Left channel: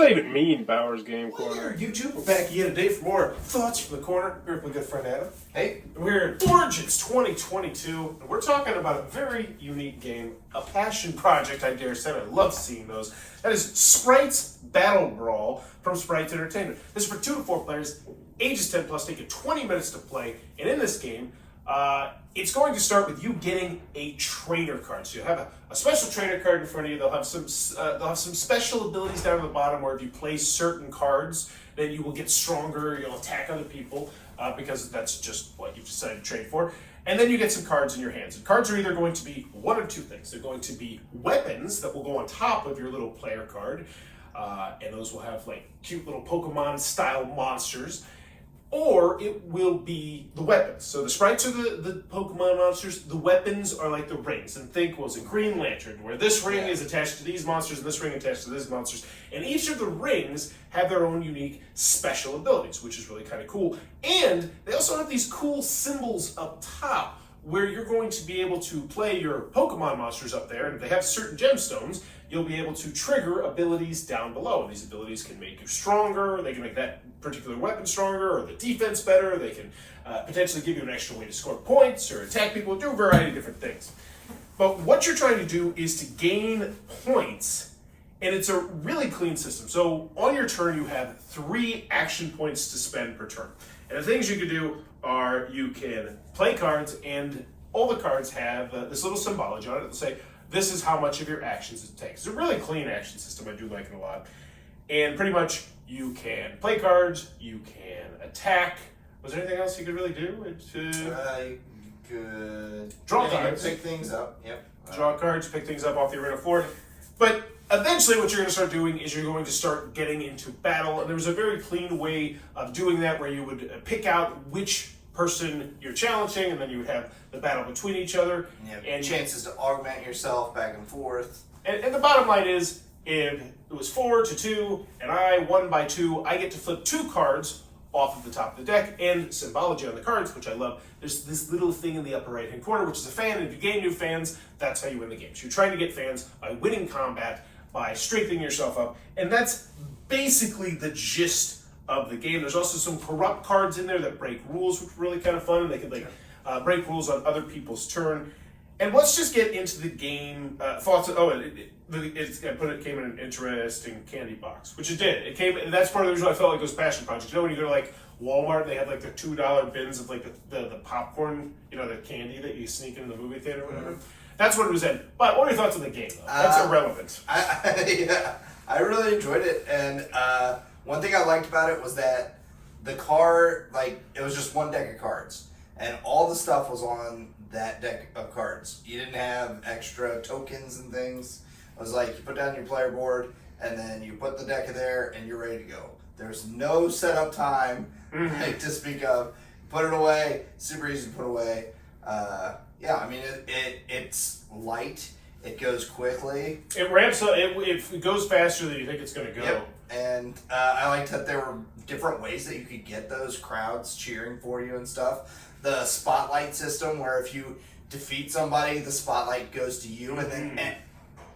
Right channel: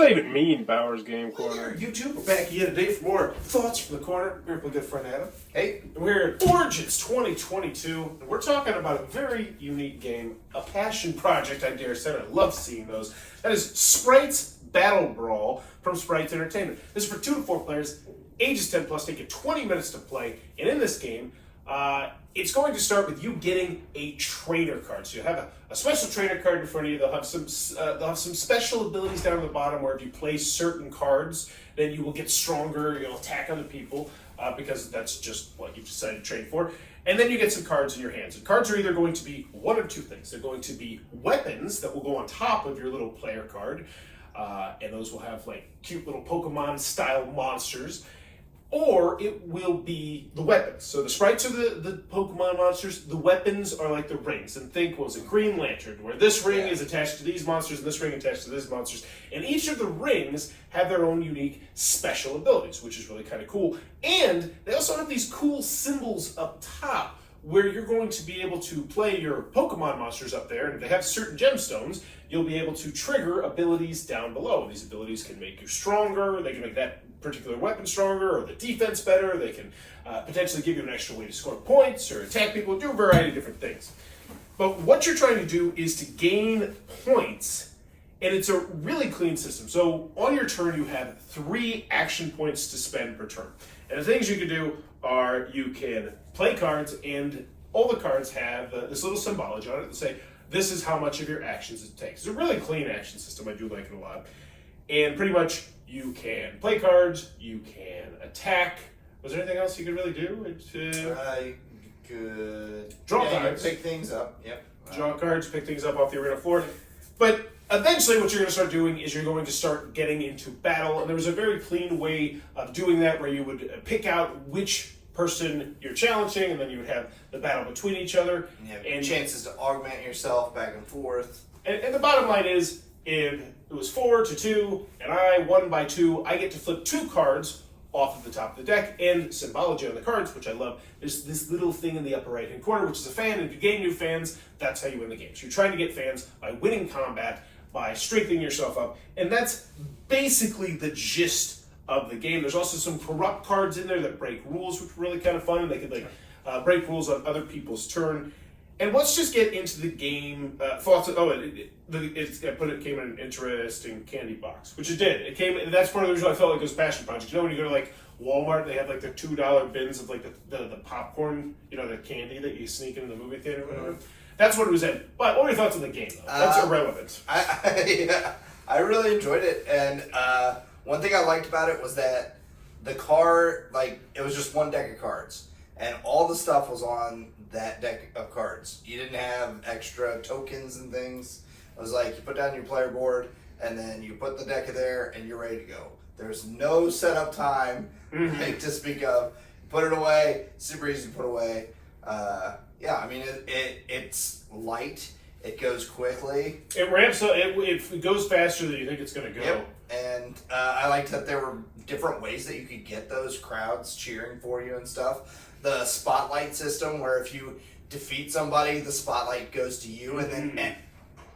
that even mean, Bowers Game Corner? YouTube, we're back again today for more Thoughts from the Corner. Here with my good friend Adam. Hey, we're in Origins 2022, and we're talking about a very unique game, a passion project, I dare say. I love seeing those. That is Sprites Battle Brawl from Sprites Entertainment. This is for 2 to 4 players, ages 10 plus, take you 20 minutes to play, and in this game, it's going to start with you getting a trainer card. So you have a special trainer card in front of you. They'll have some special abilities down at the bottom where if you play certain cards, then you will get stronger. You'll attack other people because that's just what you've decided to train for. And then you get some cards in your hands. And cards are either going to be one of two things. They're going to be weapons that will go on top of your little player card, and those will have like cute little Pokemon-style monsters. Or it will be the weapons. So the sprites are the Pokemon monsters. The weapons are like the rings. And think, was a Green Lantern, where this ring is attached to these monsters and this ring attached to these monsters. And each of the rings have their own unique special abilities, which is really kind of cool. And they also have these cool symbols up top, where you're going to be able to play your Pokemon monsters up there, and if they have certain gemstones, you'll be able to trigger abilities down below. These abilities can make you stronger, they can make that particular weapon stronger, or the defense better, they can potentially give you an extra way to score points, or attack people, do a variety of different things. But what you're trying to do is to gain points, and it's a really clean system. So on your turn, you have 3 action points to spend per turn. And the things you can do are you can play cards, and all the cards have this little symbology on it that say, this is how much of your actions it takes. It's a really clean action system. I do like it a lot. And pretty much you can play cards, you can attack. Was there anything else you could really do? You could draw cards. Pick things up. Yep. Draw cards, pick things up off the arena floor. But eventually what you're going to start doing is you're going to start getting into battle. And there was a very clean way of doing that where you would pick out which person you're challenging, and then you would have the battle between each other. And chances to augment yourself back and forth. And the bottom line is, if it was 4 to 2, and I won by 2, I get to flip 2 cards off of the top of the deck, and Symbology on the cards, which I love. There's this little thing in the upper right-hand corner, which is a fan, and if you gain new fans, that's how you win the game. So you're trying to get fans by winning combat, by strengthening yourself up, and that's basically the gist of the game. There's also some corrupt cards in there that break rules, which are really kind of fun. They could break rules on other people's turn. And let's just get into the game. Thoughts. It came in an interesting candy box, which it did. It came. That's part of the reason I felt like it was passion project. You know, when you go to like Walmart, they have like the $2 bins of like the popcorn, you know, the candy that you sneak into the movie theater or whatever. That's what it was in. But what are your thoughts on the game, though? That's irrelevant. I really enjoyed it, and one thing I liked about it was that the card, like, it was just one deck of cards, and all the stuff was on that deck of cards. You didn't have extra tokens and things. It was like you put down your player board, and then you put the deck of there, and you're ready to go. There's no setup time like, to speak of. Put it away, super easy to put away. Yeah, I mean, it's light. It goes quickly. It ramps up. It goes faster than you think it's going to go. Yep. And I liked that there were different ways that you could get those crowds cheering for you and stuff. The spotlight system, where if you defeat somebody, the spotlight goes to you, and then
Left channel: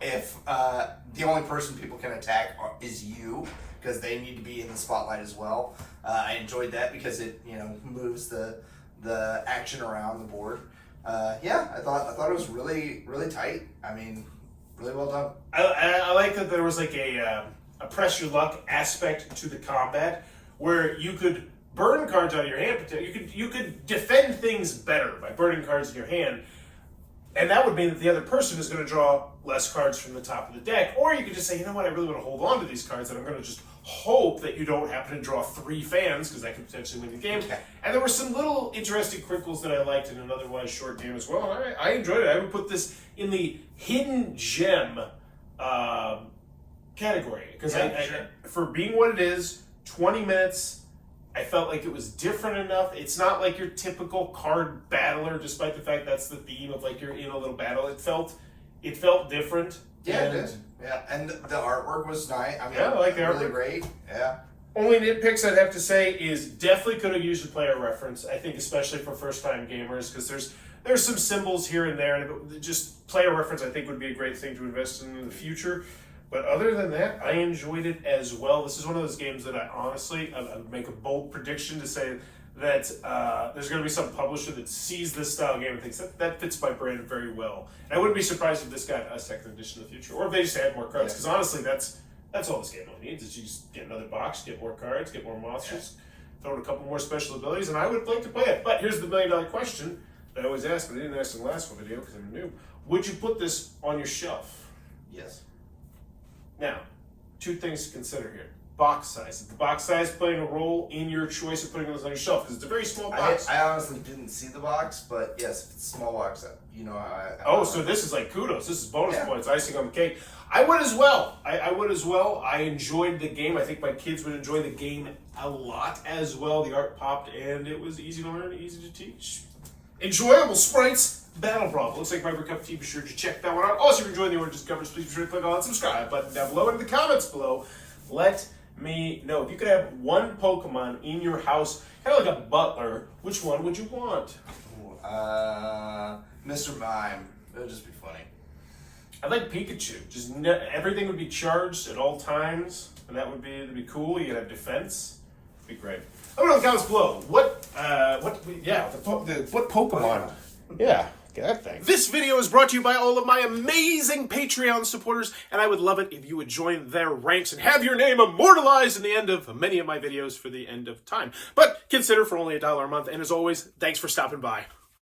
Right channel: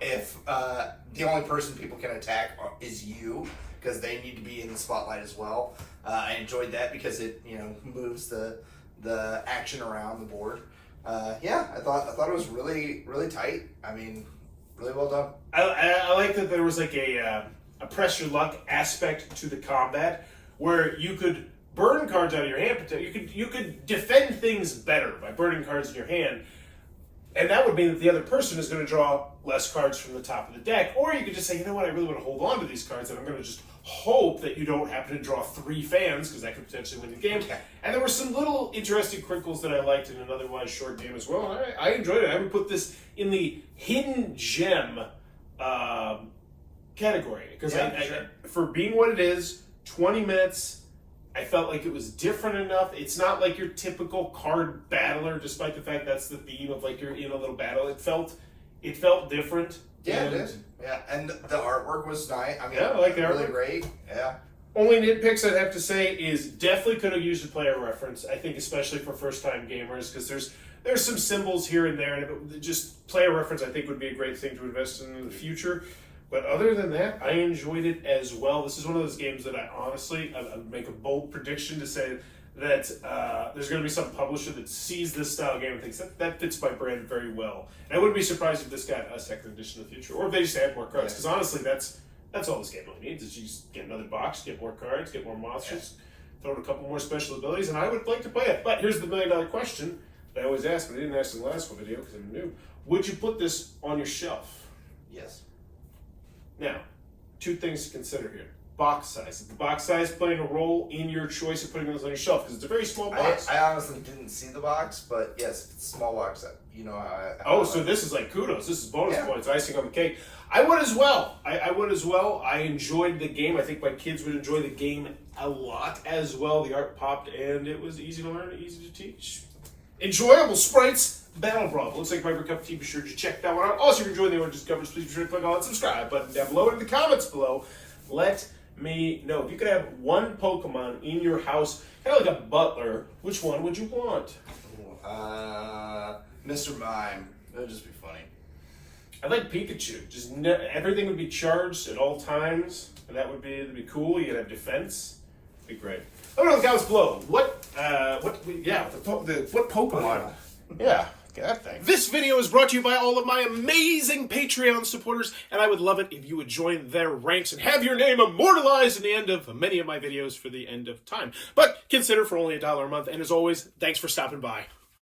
if the only person people can attack is you, because they need to be in the spotlight as well. I enjoyed that because it moves the action around the board. Yeah, I thought it was really, really tight. I mean, really well done. I like that there was like a press your luck aspect to the combat, where you could burn cards out of your hand. You could defend things better by burning cards in your hand, and that would mean that the other person is going to draw less cards from the top of the deck. Or you could just say, you know what, I really want to hold on to these cards, and I'm going to just hope that you don't happen to draw 3 fans, because that could potentially win the game. Okay. And there were some little interesting crinkles that I liked in an otherwise short game as well. I enjoyed it. I would put this in the hidden gem category, because for being what it is, 20 minutes, I felt like it was different enough. It's not like your typical card battler, despite the fact that's the theme of like you're in a little battle. It felt different. Yeah, it did. Yeah, and the artwork was nice. I mean, I like the artwork. Really great. Yeah. Only nitpicks I'd have to say is definitely could have used a player reference. I think especially for first-time gamers, because there's some symbols here and there, and just player reference I think would be a great thing to invest in the future. But other than that, I enjoyed it as well. This is one of those games that I honestly, I would make a bold prediction to say that there's going to be some publisher that sees this style game and thinks that fits my brand very well. And I wouldn't be surprised if this got a second edition in the future, or if they just add more cards. Because honestly, that's all this game really needs, is you just get another box, get more cards, get more monsters, throw in a couple more special abilities, and I would like to play it. But here's the $1 million question that I always ask, but I didn't ask in the last video because I'm new. Would you put this on your shelf? Yes. Now, two things to consider here. Box size. Is the box size playing a role in your choice of putting this on your shelf? Because it's a very small box. I honestly didn't see the box, but yes, if it's a small box, you know how Oh, so this is like kudos. This is bonus points, icing on the cake. I would as well. I would as well. I enjoyed the game. I think my kids would enjoy the game a lot as well. The art popped, and it was easy to learn, easy to teach. Enjoyable Sprites Battle Brawl. Looks like my cup of tea. Be sure to check that one out. Also, if you're enjoying the oranges coverage, please be sure to click on that subscribe button down below and in the comments below. Let me know. If you could have one Pokemon in your house, kind of like a butler, which one would you want? Mr. Mime. It would just be funny. I like Pikachu. Just everything would be charged at all times, and that'd be cool. You'd have defense. It'd be great. Let me know in the comments below. What Pokemon? Yeah. Get that thing. This video is brought to you by all of my amazing Patreon supporters, and I would love it if you would join their ranks and have your name immortalized in the end of many of my videos for the end of time. But consider for only $1 a month, and as always, thanks for stopping by.